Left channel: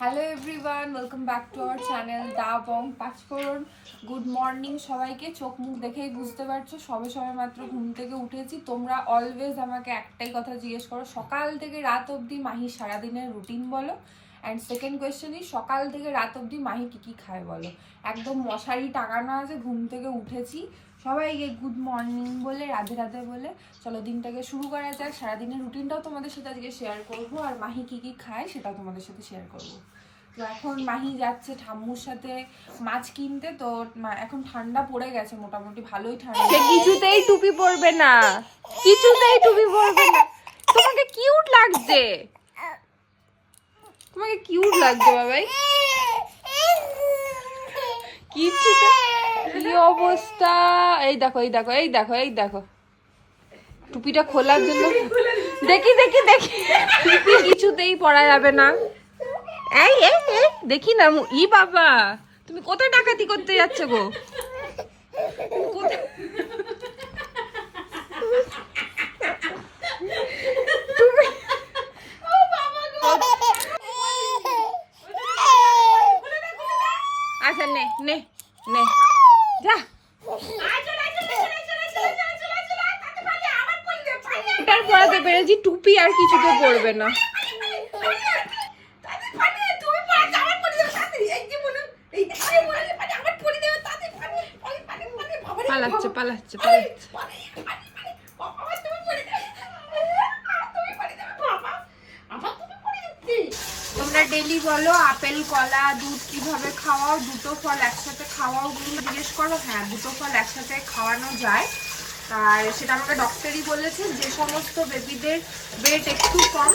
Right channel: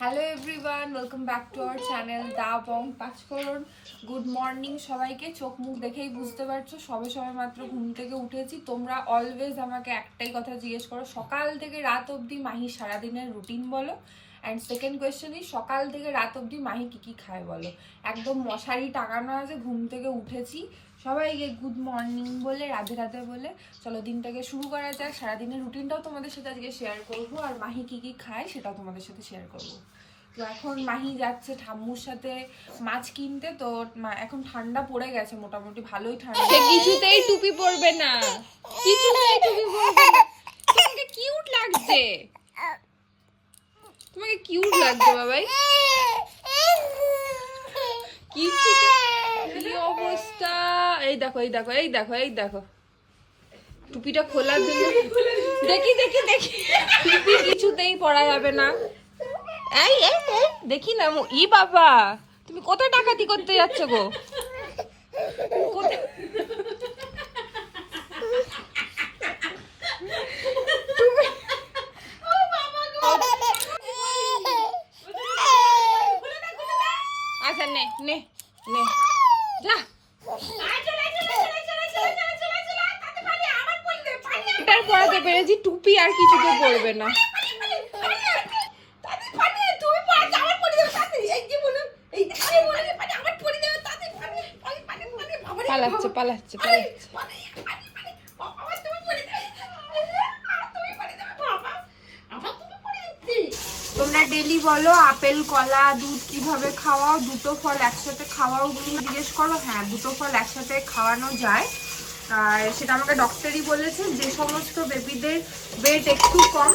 Hello everyone welcome back to our channel the Bong Panchphoron good morning সবাইকে, চোখ মুখ দেখেই বুঝতে পারছ, সবে সবে মাত্র ঘুম থেকে উঠেছি। তোমরা অলওয়েজ আমাকে একটাই কথা জিজ্ঞেস করো, সকাল থেকে রাত অবধি মাহি সারাদিনের রুটিন বলো? অ্যান্ড সেকেন্ড কোয়েশ্চেনই সকাল থেকে রাত অবধি মাহি কী কী খায় বলো? একদম মশারি টাঙানো আছে, ঘুম থেকে উঠেছি। সবাইকে গুড মর্নিং বলে, রাধে রাধে বলে। চলো দিনটাকে শুরু করা যাক। সারাদিনের রুটিনটাও তোমাদের সাথে আজকে শেয়ার করব, আর মাহি কী কী খায় সেটাও তোমাদের সাথে শেয়ার করব। তো এখন মাহি যাচ্ছে ঠাম্মুর সাথে মাছ কিনতে, তো এখন ঠান্ডা পড়ে গেছে মোটামুটি, ভালোই ঠান্ডা। কিছুতেই টুপি পরবে না। কিছুতেই টুপি পরবে না। তোমাকে কিউট লাগছে। তোমাকে কিউট লাগছে, বাবাই কিছুতে কি অবস্থা? এই দেখো এই দেখো এই দেখো এই দেখো। টুপিটা খোলার জন্য দেখি দেখি দেখি। টুপি কিছুতেই পরা যাবে না। এই এই দেখি না ই বাবা, তুমি কোথায় ডাকাতি করতে যাচ্ছ গো আচ্ছা নে নে নে যা এটার পরাতে পেরেছি টুপি আর কিছুতে পড়বে না। পালাচ্ছে পালাচ্ছে পালাচ্ছে। তোমরা ডেলি বলো আপেল কলা দুধ কীভাবে খাওয়াও? দুটো ফল একসাথে খাওয়াও জিজ্ঞেস করো। হ্যাঁ দুটো ফল একসাথে খাওয়ানো যায়। আর সেটা আমাকে ডক্টরই বলেছে, যে সমস্ত বেবিদের ওয়েট একটু কম,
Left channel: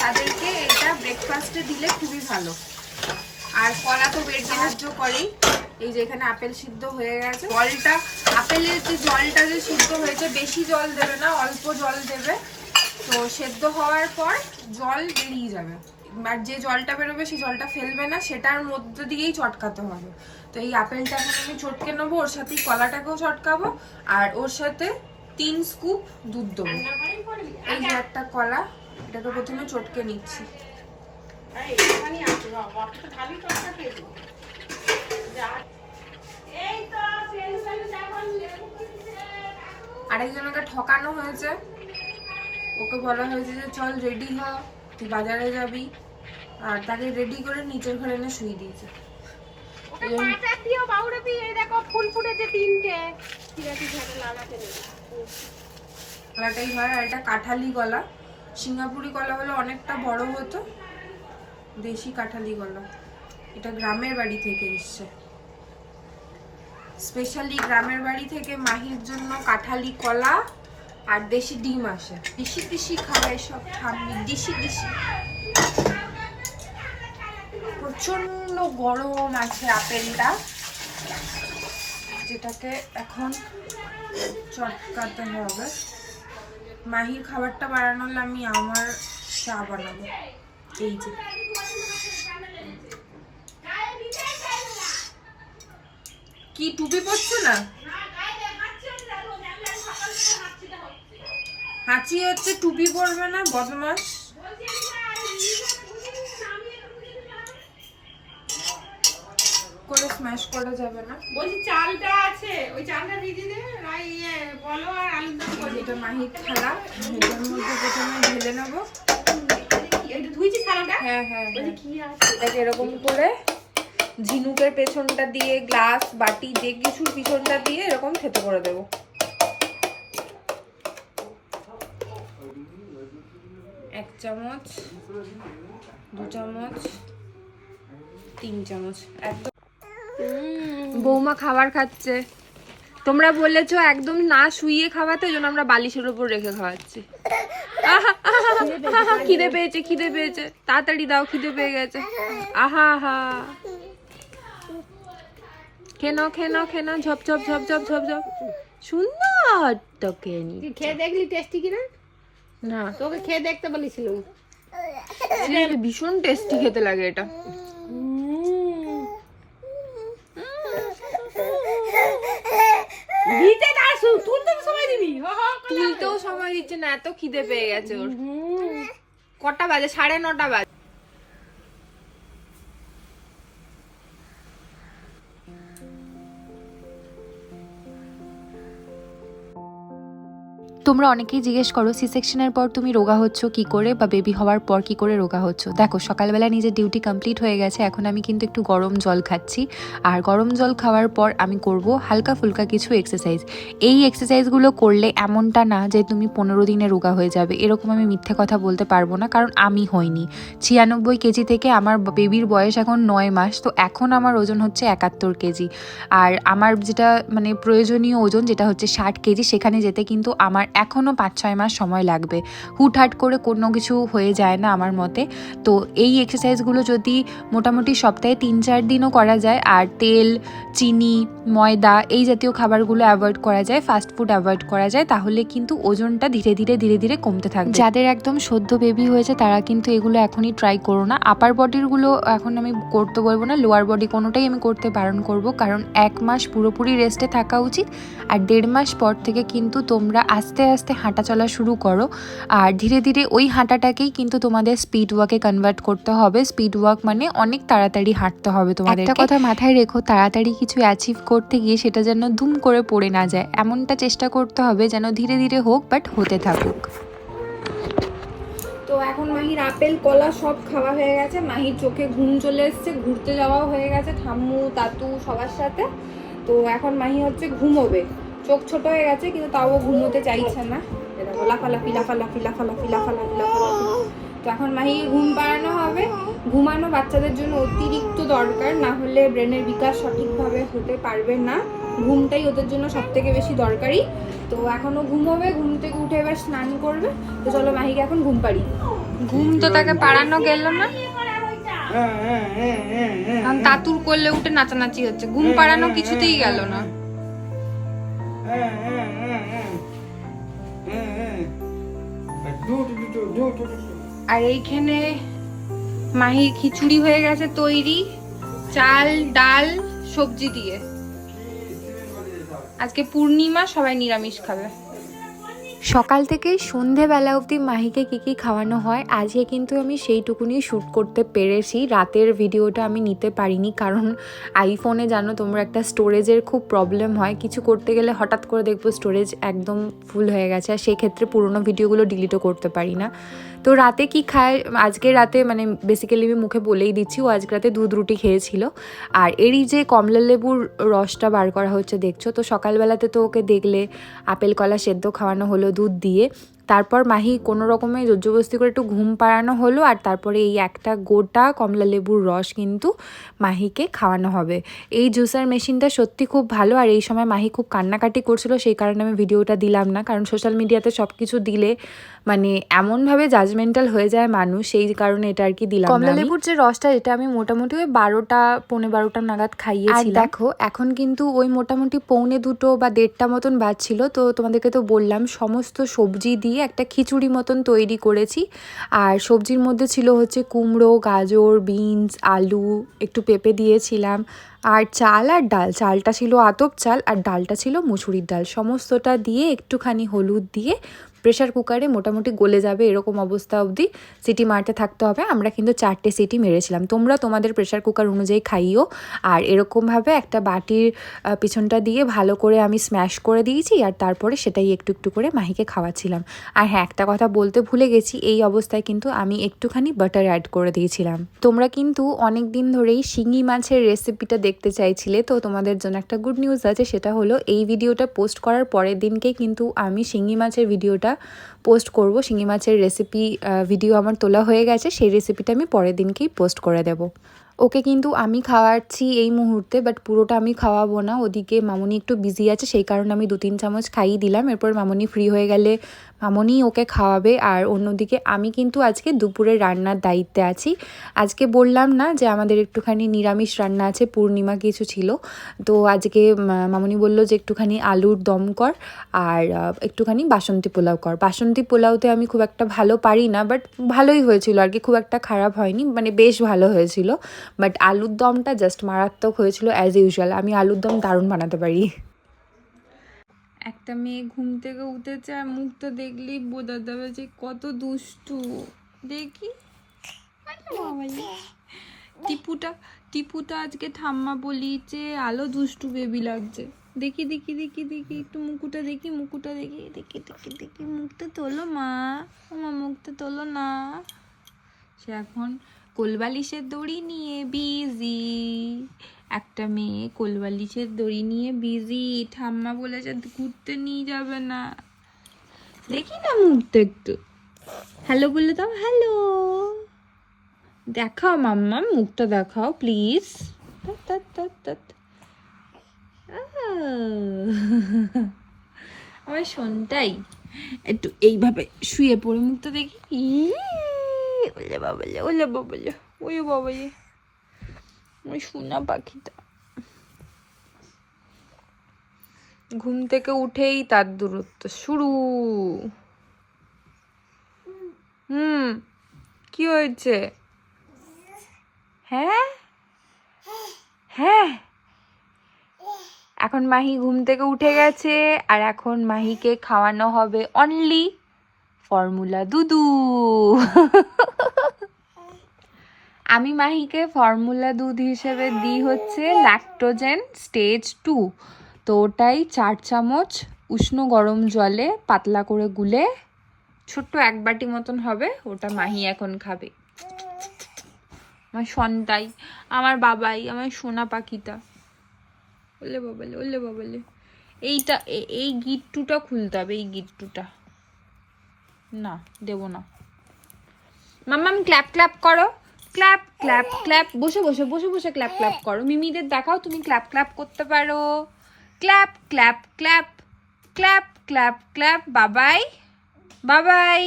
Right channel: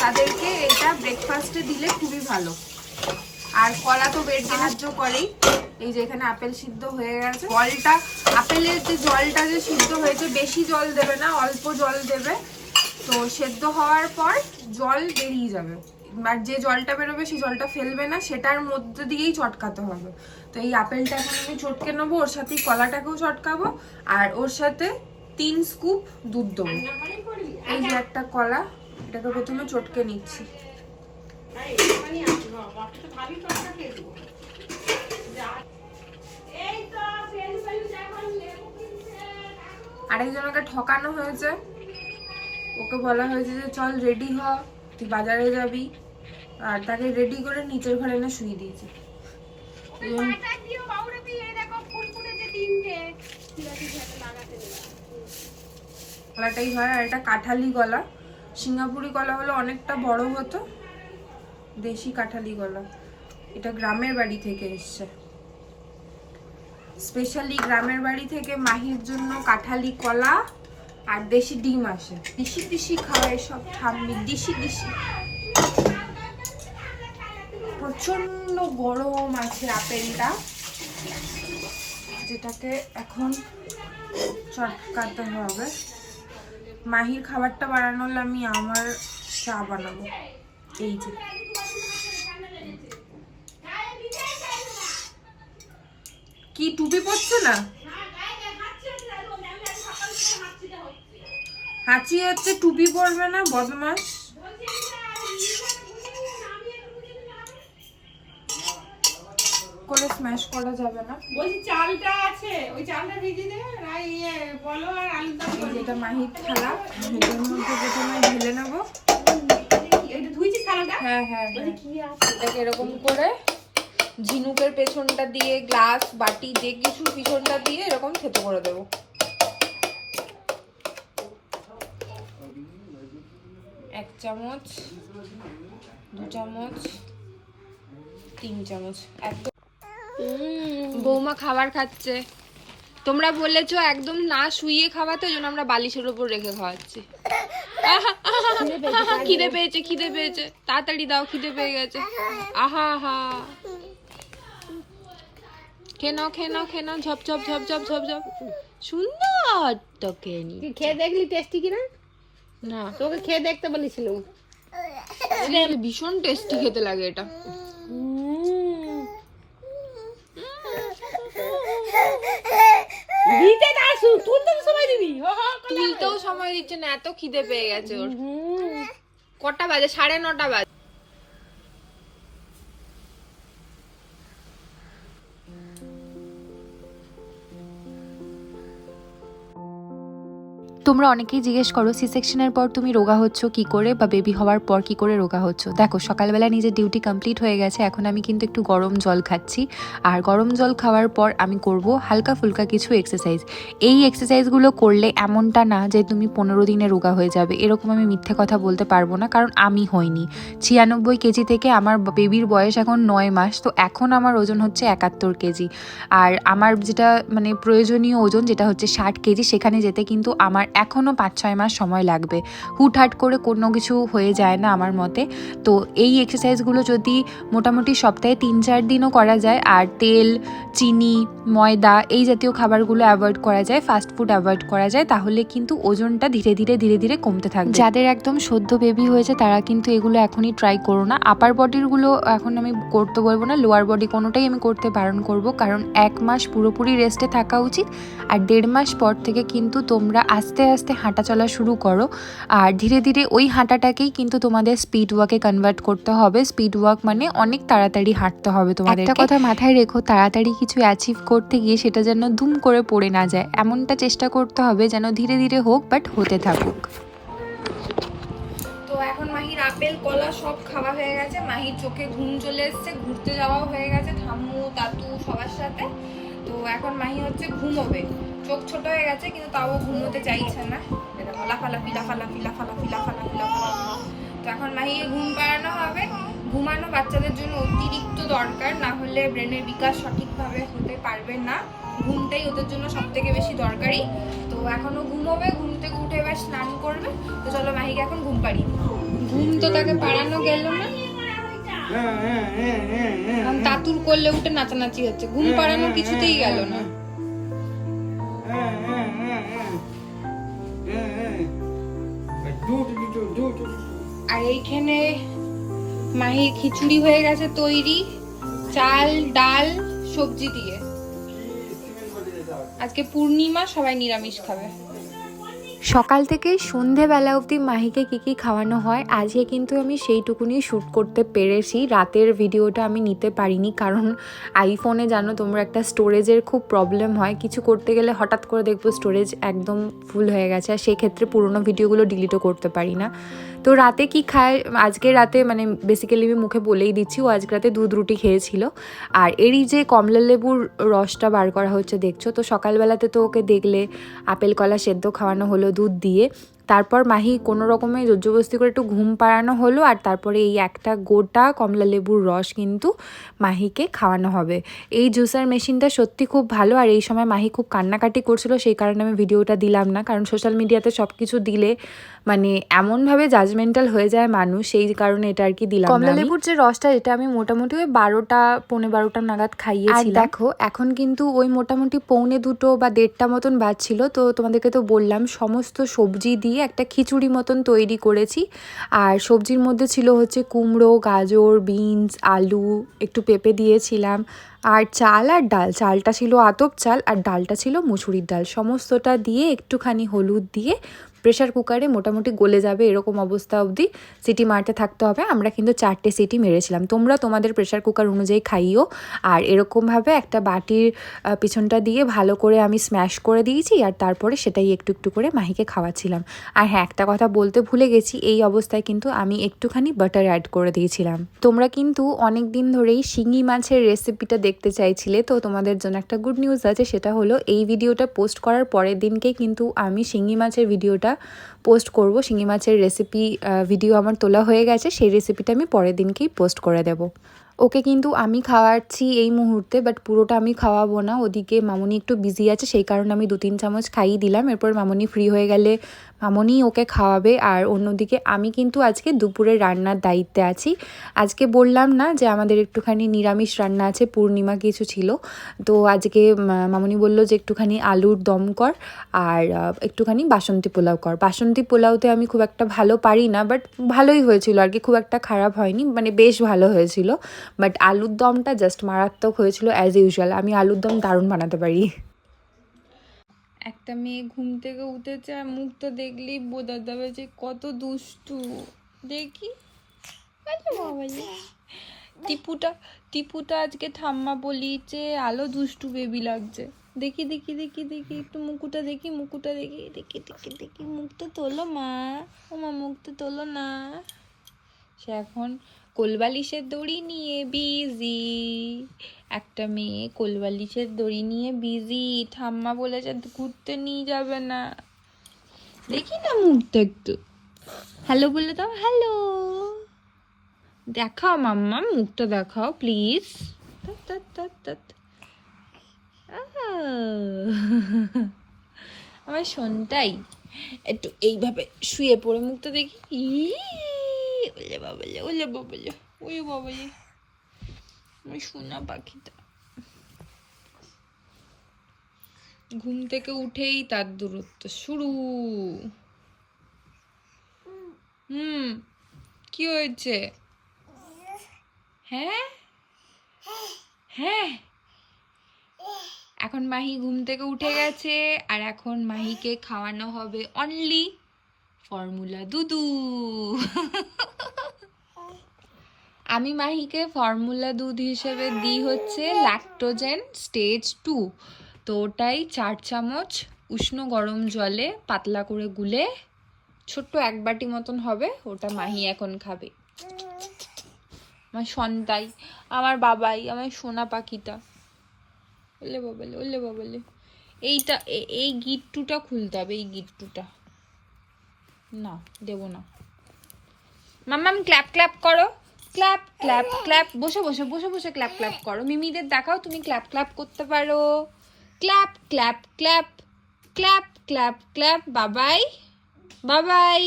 তাদেরকে এটা ব্রেকফাস্টে দিলে খুবই ভালো। আর কলা তো ওয়েট সাহায্য করেই, এই যে এখানে আপেল সিদ্ধ হয়ে গেছে। জলটা, আপেলের যে জলটা যে সিদ্ধ হয়েছে, বেশি জল দেবে না, অল্প জল দেবে। তো সেদ্ধ হওয়ার পর জল বেরিয়ে যাবে। যে জলটা বেরোবে সেই জলটা ফেলবে না সেটার মধ্যে দিয়েই চটকাতে হবে। তো এই আপেলটা এখন আমি চটকে নেব ওর সাথে কলাটাকেও চটকাবো আর ওর সাথে তিন স্কুপ দুধ দেবো। এই যে একটা কলা এটাকে প্রথমে চটকে নিচ্ছি। আরেকজনকে ঠকানো হয়েছে। ওকে বলা হয়েছে যে চল রেডি হ। তুই বাজারে যাবি আর তাকে রেডি করে নিচের ঘরে এনে শুয়ে দিয়েছে। কলাটাই হয় আর এটা কাঁঠালি কলা সিঙ্গাপুরি কলা হলো অনেকটা বড় হতো দেশি কাঁঠালি কলা এটা গ্রামের বাড়ি থেকে এসছে। স্পেশালি গ্রামের বাড়ি থেকে মাহির জন্য কাঁঠালি কলা আর দেশি ডিম আসে। দিশি দিশি খাওয়ায় সব ঠাম্মি, দিশি দিশি। প্রচণ্ড গরম আছে আপেলটা। যেটাকে এখন চটকাতে হবে। মাহির খাবারটা বানানো হলে আমি আমার চা বানাবো। এই যে। কি টুপি পরছো না? হাঁচি হচ্ছে টুপি পরবে না বদমাস। করে স্ম্যাশ করা যাবে না। বলছি চালটা আছে ওই চালটা ভিজে নে আর ইয়ে বলো আর আলু দম করো এটা মাহির থালা এটার মধ্যে প্রথমে ঢেলে নেব। এটা ধুইছি থালাটা? হ্যাঁ হ্যাঁ হ্যাঁ। কি আছে? এটাকে এরকম করে ঝিনুকের পেছনটা দিয়ে গ্লাস বাটি যে কিছুর পিছনটা দিয়ে এরকম থেতো করে দেবো। চামচ দু চামচ তিন চামচ। একদম বৌমা খাবার খাচ্ছে। তোমরা বলেছ একদম না শুইয়ে খাওয়াতে ওই জন্য আমরা বালিশের উপর রেখে খাওয়াচ্ছি। খিদে পেয়েছে খিদে পেয়েছে। তাড়াতাড়ি দাও খিদে পেয়ে গেছে। আহা আহা। খেয়ে নাও খেয়ে ঝপ ঝপ ঝপ ঝপ ঝপ ঝপ। সুন্দর তোকে নি- খেয়ে দেখলি টেস্টি কিনা? না। তোকে খেয়ে দেখতে বলেছিলাম। ভীষণ টেস্টি খেতে লাগে এটা। দিতে দাসু তুলতে তো সময় দিবি। তুলতেও সময় দিচ্ছে না এত খিদে পেয়ে গেছে ওর। কটা বাজে? সাড়ে নটা বাজে। তোমরা অনেকেই জিজ্ঞেস করো সি সেকশনের পর তুমি রোগা হচ্ছ কি করে বা বেবি হওয়ার পর কি করে রোগা হচ্ছ? দেখো, সকালবেলা নিজের ডিউটি কমপ্লিট হয়ে গেছে, এখন আমি কিন্তু একটু গরম জল খাচ্ছি। আর গরম জল খাওয়ার পর আমি করব হালকা ফুলকা কিছু এক্সারসাইজ এই এক্সারসাইজগুলো করলে এমনটা না যে তুমি পনেরো দিনে রোগা হয়ে যাবে। এরকম আমি মিথ্যে কথা বলতে পারব না, কারণ আমি হইনি। ছিয়ানব্বই কেজি থেকে আমার বেবির বয়স এখন নয় মাস, তো এখন আমার ওজন হচ্ছে একাত্তর কেজি। আর আমার যেটা মানে প্রয়োজনীয় ওজন, যেটা হচ্ছে ষাট কেজি, সেখানে যেতে কিন্তু আমার এখনও পাঁচ, ছয় মাস সময় লাগবে। হুটহাট করে কোনো কিছু হয়ে যায় না আমার মতে। তো এই এক্সারসাইজগুলো যদি মোটামুটি সপ্তাহে তিন, চার দিনও করা যায়, আর তেল, চিনি, ময়দা এই জাতীয় খাবারগুলো অ্যাভয়েড করা যায় ফাস্ট ফুড অ্যাভয়েড করা যায়, তাহলে কিন্তু ওজনটা ধীরে ধীরে ধীরে ধীরে কমতে থাকবে। যাদের একদম সদ্য বেবি হয়েছে, তারা কিন্তু এগুলো এখনই ট্রাই করো না। আপার বডিরগুলো এখন আমি করতে বলব না লোয়ার বডি কোনোটাই আমি করতে বারণ করব, কারণ এক মাস পুরোপুরি রেস্টে থাকা উচিত, আর দেড় মাস পর থেকে কিন্তু তোমরা আস্তে আস্তে হাঁটা চলা শুরু করো। আর ধীরে ধীরে ওই হাঁটাটাকেই কিন্তু তোমাদের স্পিড ওয়াকে কনভার্ট করতে হবে। স্পিড ওয়াক মানে অনেক তাড়াতাড়ি হাঁটতে হবে তোমাদের একটা কথা মাথায় রেখো তাড়াতাড়ি কিছু অ্যাচিভ করতে গিয়ে সেটা যেন ধুম করে পড়ে না যায়। এমনটা চেষ্টা করতে হবে যেন ধীরে ধীরে হোক বাট হতে থাকুক। তো এখন মাহির আপেল কলা সব খাওয়া হয়ে গেছে। মাহির চোখে ঘুম চলে এসছে ঘুরতে যাওয়া হয়ে গেছে। ঠাম্মু তাতু সবার সাথে। তো এখন মাহি হচ্ছে ঘুমোবে। চোখ ছোট হয়ে গেছে কিন্তু তাও ঘুমোতে চাইছে না। এটা লাফালাফি লাফালাফি লাফালাফি লাফালাফি লাফালাফি। তো এখন মাহিকে ঘুম পাড়ানো হবে। ঘুমানো বাচ্চাদের জন্য অতিরিক্ত দরকার না হলে ব্রেনের বিকাশ সঠিকভাবে হতে পারবে না। ঘুমটাই ওদের জন্য সব থেকে বেশি দরকারি। তো এখনও ঘুমোবে ঘুম থেকে উঠে এবার স্নান করবে। তো চলো মাহিকে এখন ঘুম পাড়ি। ঘুম তো তাকে পাড়ানো গেল না। কারণ তাতুর করলে উঠে নাচানাচি হচ্ছে। ঘুম পাড়ানো কিছুতেই গেল না। আর এইখানে মাহির খিচুড়ি হয়ে গেছে তৈরি, চাল, ডাল, সবজি দিয়ে। আজকে পূর্ণিমা, সবাই নিরামিষ খাবে। সকাল থেকে সন্ধেবেলা অবধি মাহিকে কী কী খাওয়ানো হয়, আজকে কিন্তু আমি সেইটুকুনি শ্যুট করতে পেরেছি। রাতের ভিডিওটা আমি নিতে পারিনি কারণ আইফোনে জানো তোমরা একটা স্টোরেজের খুব প্রবলেম হয়। কিছু করতে গেলে হঠাৎ করে দেখব স্টোরেজ একদম ফুল হয়ে গেছে। আর সেক্ষেত্রে পুরোনো ভিডিওগুলো ডিলিটও করতে পারি না। তো রাতে কি খায়, আজকে রাতে মানে বেসিক্যালি আমি মুখে বলেই দিচ্ছি, ও আজকে রাতে দুধ রুটি খেয়েছিল। আর এরই যে কমলা লেবুর রসটা বার করা হচ্ছে, দেখছ? তো সকালবেলাতে তো ওকে দেখলে আপেল কলা সেদ্ধ খাওয়ানো হলো দুধ দিয়ে তারপর মাহি কোনো রকমে জোরজবস্তি করে একটু ঘুম পাড়ানো হলো আর তারপরে এই একটা গোটা কমলা লেবুর রস কিন্তু মাহিকে খাওয়ানো হবে। এই জুসার মেশিনটা সত্যি খুব ভালো আর এই সময় মাহি খুব কান্নাকাটি করছিল সেই কারণে আমি ভিডিওটা দিলাম না। কারণ সোশ্যাল মিডিয়াতে সব কিছু দিলে মানে এমনভাবে জাজমেন্টাল হয়ে যায় মানুষ সেই কারণে এটা আর কি দিলাম কমলা লেবুর যে রসটা এটা আমি মোটামুটি ওই বারোটা পৌনে বারোটা নাগাদ খাইয়েছি দেখো এখন কিন্তু ওই মোটামুটি পৌনে দুটো বা দেড়টা মতন বাজছিল তো তোমাদেরকে তো বললাম সমস্ত সবজি দিয়ে একটা খিচুড়ি মতন তৈরি করেছি। আর সবজির মধ্যে ছিল হচ্ছে কুমড়ো, গাজর, বিনস, আলু, একটু পেঁপে দিয়েছিলাম। আর চাল আর ডাল, চালটা ছিল আতপ চাল আর ডালটা ছিল মুসুরির ডাল। সমস্তটা দিয়ে একটুখানি হলুদ দিয়ে প্রেশার কুকারে মোটামুটি গলে যাবে এরকম অবস্থা অবধি সিটি মারতে থাকতে হবে। আমরা কিন্তু চারটে সিটি মেরেছিলাম। তোমরা তোমাদের প্রেশার কুকার অনুযায়ী খাইও। আর এরকমভাবে একটা বাটির পিছনটা দিয়ে ভালো করে আমি স্ম্যাশ করে দিয়েছি আর তারপরে সেটাই একটু একটু করে মাহিকে খাওয়াচ্ছিলাম। আর হ্যাঁ একটা কথা বলতে ভুলে গেছি, এই অবস্থায় কিন্তু আমি একটুখানি বাটার অ্যাড করে দিয়েছিলাম। তোমরা কিন্তু অনেক দিন ধরেই শিঙি মাছের রেসিপিটা দেখতে চাইছিলে, তো তোমাদের জন্য একটা গুড নিউজ আছে, সেটা হলো এই ভিডিওটা পোস্ট করার পরের দিনকে কিন্তু আমি শিঙি মাছের ভিডিওটা পোস্ট করব। শিঙি মাছের রেসিপি ভিডিও আমার তোলা হয়ে গেছে। সেই রেসিপিটা আমি পরের দিনকেই পোস্ট করে দেব। ওকে কিন্তু আমি খাওয়াচ্ছি এই মুহূর্তে বাট পুরোটা আমি খাওয়াবো না। ওদিকে মামুনি একটু বিজি আছে, সেই কারণে আমি দু তিন চামচ খাইয়ে দিলাম। এরপর মামুনি ফ্রি হয়ে গেলে মামনি ওকে খাওয়াবে। আর অন্যদিকে আমি কিন্তু আজকে দুপুরে রান্নার দায়িত্বে আছি। আজকে বললাম না যে আমাদের একটুখানি নিরামিষ রান্না আছে, পূর্ণিমা কিছু ছিল। তো আজকে মামনি বলল যে একটুখানি আলুর দম কর আর একটুখানি বাসন্তী পোলাও কর। বাসন্তী পোলাওতে আমি খুব একটা ভালো পারি না বাট ভালোই হয়েছিল আর কি, খুব একটা খারাপ হয়নি মানে বেশ ভালো হয়েছিল। বাট আলুর দমটা জাস্ট মারাত্মক হয়েছিল অ্যাজ ইউজুয়াল আমি আলুর দম দারুণ বানাতে পারি। একটা মেয়ে ঘুম থেকে উঠেছে আর মুখটা দেখলেই বোঝা যাবে যে কত দুষ্টু। দেখি। টিপুটা টিপুটা আজকে ঠাম্মা বলি যে আলো দুষ্টু বেবি লাগছে। দেখি দেখি দেখি দেখি একটু মুকুটা দেখি মুকুটা দেখি দেখি দেখি দেখি। মুখটা তোলো মা। ও মা মুখটা তোলো না। সে এখন কোলবালিশের দড়ি নিয়ে বিজি একটা মেয়ে কোলবালিশের দড়ি নিয়ে বিজি ঠাম্মা বলেছে ঘুরতে নিয়ে যাবে না। দেখি না মুখটা একটু। হ্যালো বলে দাও হ্যালো। দেখাও মাম্মা মুখটা দেখাও প্লিজ আমার শোনটাই। একটু এইভাবে শুয়ে পড়ে মুখটা দেখি। ই, ওলে বাবালে ওলে বাবালে ওই বাবালে ওই সোনা পাখিটা। ঘুম থেকে উঠেই তার দূরত্ব শুরু। হুম, কি হয়েছে? হ্যাঁ? হ্যাঁ? এখন মাহি ঘুম থেকে উঠে গেছে, আর এখন মাহিকে খাওয়ানো হবে অনলি ফর্মুলা দুধু আমি মাহিকে ফর্মুলা দুধ হিসেবে দিই হচ্ছে ল্যাক্টোজেন স্টেজ টু তো ওটাই চার চামচ উষ্ণ গরম জলে পাতলা করে গুলে ছোট্ট এক বাটি মতন হবে, ওটা মাহি এখন খাবে। আমার সন্তাই, আমার বাবাই, আমার সোনা পাখিটা। ওলে বাবালে ওলে বাবালে। এইটা এই গিট্টুটা খুলতে হবে, এই গিট্টুটা। না দেবো না মাম্মাম ক্ল্যাপ ক্ল্যাপ করো ক্ল্যাপ ক্ল্যাপ ক্ল্যাপ বসে বসে বসে বসে ক্ল্যাপ ক্ল্যাপ করো মিমিদের দেখাও তুমি ক্ল্যাপ ক্ল্যাপ করতে পারো clap clap clap clap clap clap বাবাই বাবাই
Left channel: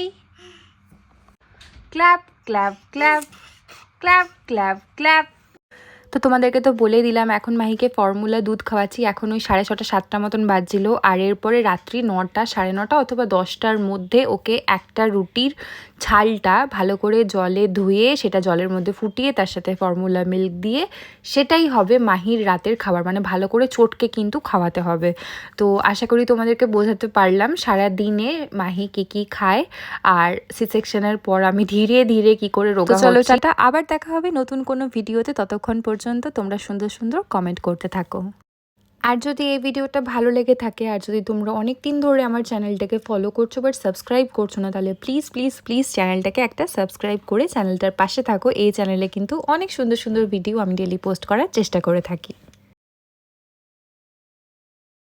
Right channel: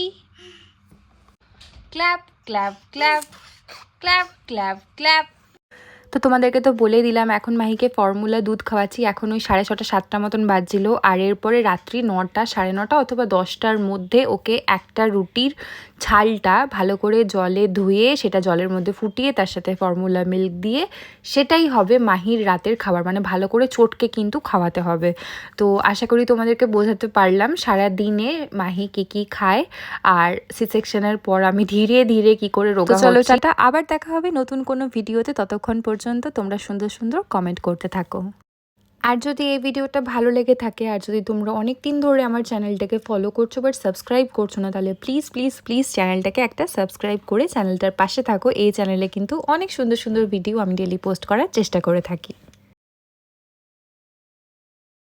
clap clap clap clap clap clap তো তোমাদেরকে তো বলে দিলাম, এখন মাহিকে ফর্মুলা দুধ খাওয়াচ্ছি। এখন ওই সাড়ে ছটা, সাতটা মতন বাজছিল। আর এরপরে রাত্রি নটা, সাড়ে নটা অথবা দশটার মধ্যে ওকে একটা রুটির ছালটা ভালো করে জলে ধুয়ে সেটা জলের মধ্যে ফুটিয়ে তার সাথে ফর্মুলা মিল্ক দিয়ে সেটাই হবে মাহির রাতের খাবার। মানে ভালো করে চটকে কিন্তু খাওয়াতে হবে। তো আশা করি তোমাদেরকে বোঝাতে পারলাম সারা দিনে মাহি কি কি খায় আর সি সেকশনের পর আমি ধীরে ধীরে কি করে রোগা চলো আবার দেখা হবে নতুন কোনো ভিডিওতে ততক্ষণ পর্যন্ত তোমরা সুন্দর সুন্দর কমেন্ট করতে থাকো। আর যদি এই ভিডিওটা ভালো লেগে থাকে, আর যদি তোমরা অনেক দিন ধরে আমার চ্যানেলটাকে ফলো করছ বাট সাবস্ক্রাইব করছ না, তাহলে প্লিজ প্লিজ প্লিজ চ্যানেলটাকে একটা সাবস্ক্রাইব করে চ্যানেলটার পাশে থাকো। এই চ্যানেলে কিন্তু অনেক সুন্দর সুন্দর ভিডিও আমি ডেলি পোস্ট করার চেষ্টা করে থাকি।